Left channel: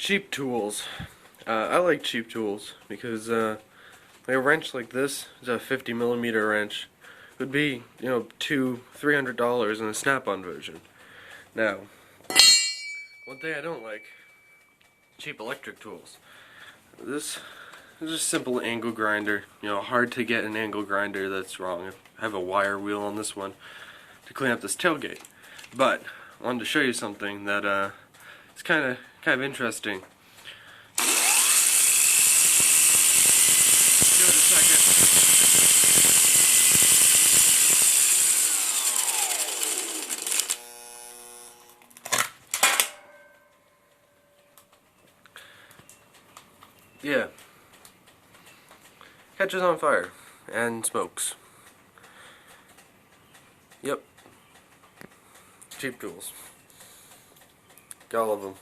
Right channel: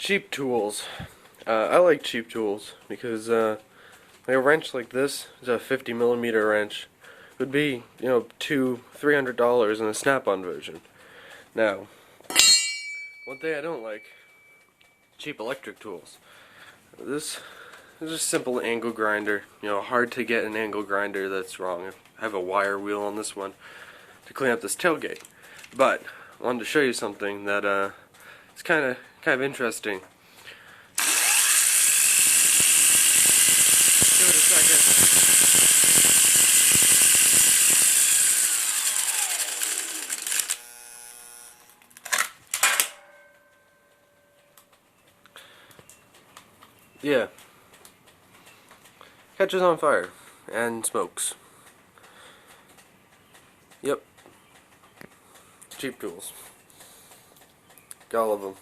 Cheap tools. I like cheap tools because like a wrench like this is a 50 millimeter wrench. Would be, $200-300 in a Snap-on version. Now, one thing I don't like, cheap electric tools. This is a simple angle grinder. Hard to get an angle grinder that's wrong. I have a wire wheel on this one to clean up this tailgate. But I wanted to show you something that it's kind of interesting. Give it a second. Yeah. Catches on fire and smokes. Yep. Cheap tools. Got all of them.